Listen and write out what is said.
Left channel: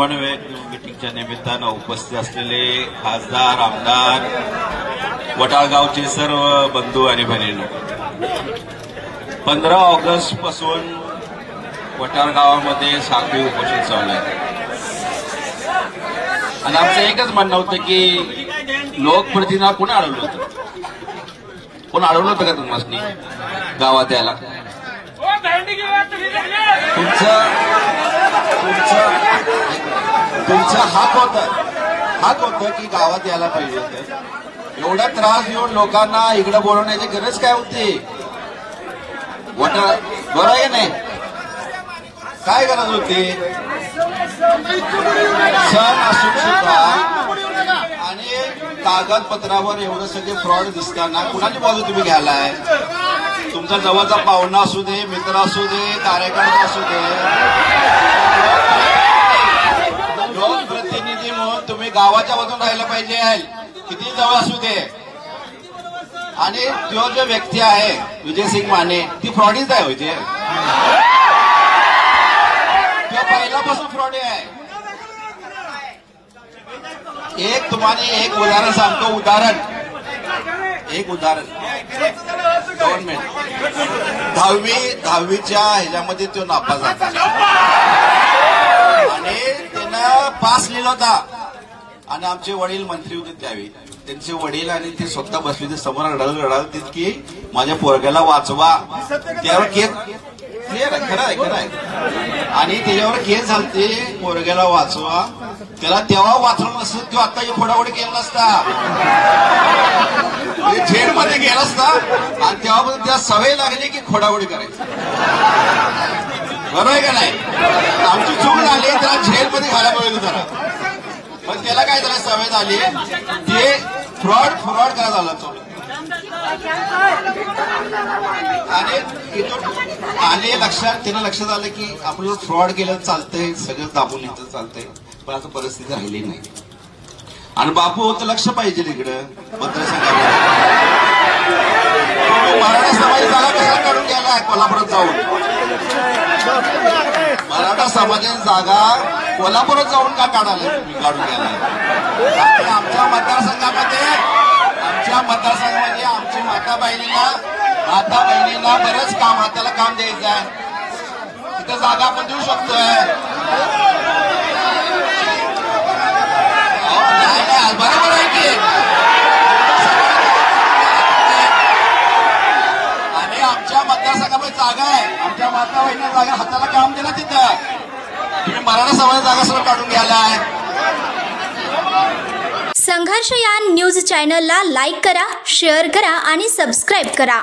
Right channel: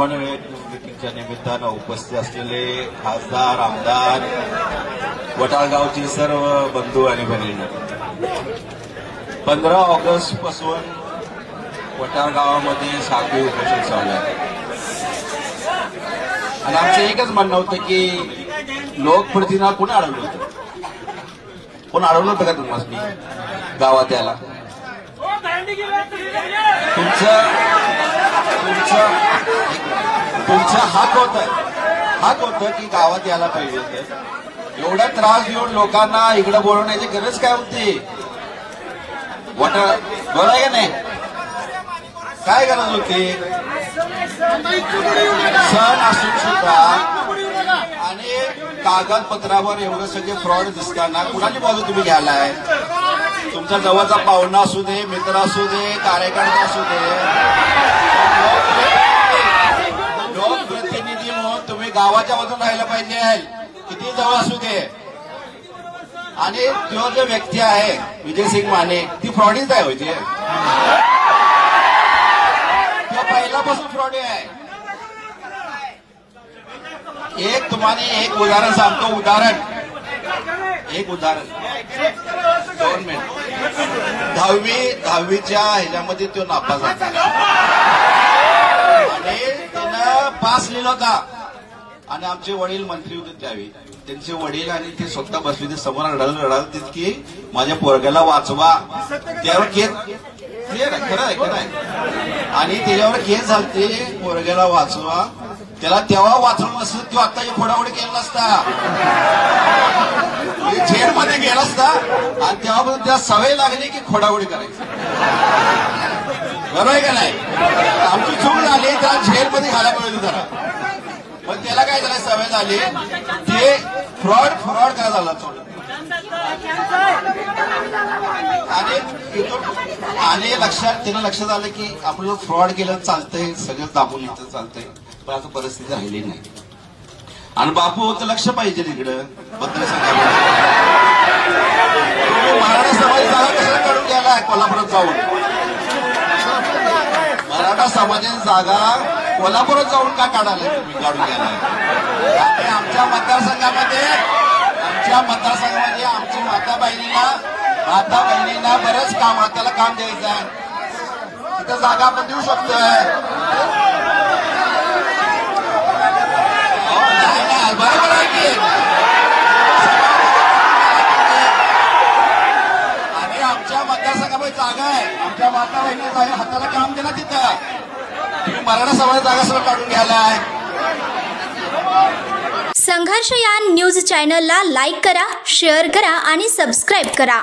समन्वयक मीटिंगच्या निमित्तानं उपस्थित असलेले खासदार आमदार वटाळगावचे सर्व बंधू आणि भगिनी, 15 ऑगस्ट पासून वटाळ गावामध्ये साखळी उपोषण चालू आहे आणि आमचं एकच म्हणणं होतं की लोकप्रतिनिधी कोणी अडवलं होतं? कोण अडवलं होतं का तुम्हाला गावात यायला? तुमचा हक होतं की गावात यायला पाहिजे होतं. एवढा त्रास देऊन लोकांना इकडे बोलवण्याची गरज काय होती? बोलाय नाही, काय गरज होती? सण असून सुद्धा आणि कागदपत्रावर एवढं सगळे फ्रॉड दिसताना कुणाची बाजू तुम्ही घ्यायलाय? तुमचा जवळचा पाहुणा असू दे, मित्र असू दे, कार्यकर्ता असू दे, लोकप्रतिनिधी म्हणून तुम्ही गावाच्या बाजून राहायला पाहिजे, किती जवळ असू दे. आणि जो जो व्यक्ती आहे विजयसिंग माने, ती फ्रॉडीच आहे म्हणजे पहिल्यापासून फ्रॉडी आहे. तुम्हाला एक उदाहरण सांगतो. एक उदाहरण 2 मिनिट. 10वीच्या ह्याच्यामध्ये तो नापास झाला आणि त्यानं पास लिहिला होता आणि आमचे वडील मंत्री होते त्यावेळी. त्यांचे वडील आणि ते स्वतः बसले होते समोर, रडाल की माझ्या पोरग्याला वाचवा. त्यावर केस खरं आहे आणि त्याच्यावर केस झालते, पोरग्याला वाचवा. त्याला तेव्हा वाचवलं नसतं, तो आता फोडाफोडी केला नसता, जेलमध्ये गेला असता आणि तेव्हापासून त्याला सवय लागली की फोडाफोडी करायची. बरोबर आहे का नाही? आमची चूक झाली, त्याला जेलमध्ये घालायला पाहिजे जरा, पण त्याला काय त्याला सवय झाली, ते फ्रॉड करायला झाला चालू. आणि त्याला लक्षात आलं की आपलं फ्रॉड केलं चालतंय, सगळं दाबून येतं चालतंय, पण आता परिस्थिती राहिली नाही. आणि बापू तर लक्ष पाहिजे इकडं मतदारसंघाला. तुम्ही मराठा समाज जागा कशाला काढून घ्यायला कोल्हापुरात जाऊन? मराठा समाजाची जागा कोल्हापुरात जाऊन का काढायला काढून घ्यायला? आमच्या मतदारसंघामध्ये आमच्या माता बहिणीला बरंच काम, हाताला काम द्यायचं आहे. तिथं जागा आपण देऊ शकतोय. बरोबर आहे की? आणि आमच्या मतदारसंघामध्ये जागा आहे, आमच्या माता बहिणीला जागा, हाताला काम दिलं तिथं. तुम्ही मराठा समाजाची जागा सगळं काढून घ्यायला आहे. संघर्षयान न्यूज चॅनलला लाईक करा, शेअर करा आणि सबस्क्राईब करा.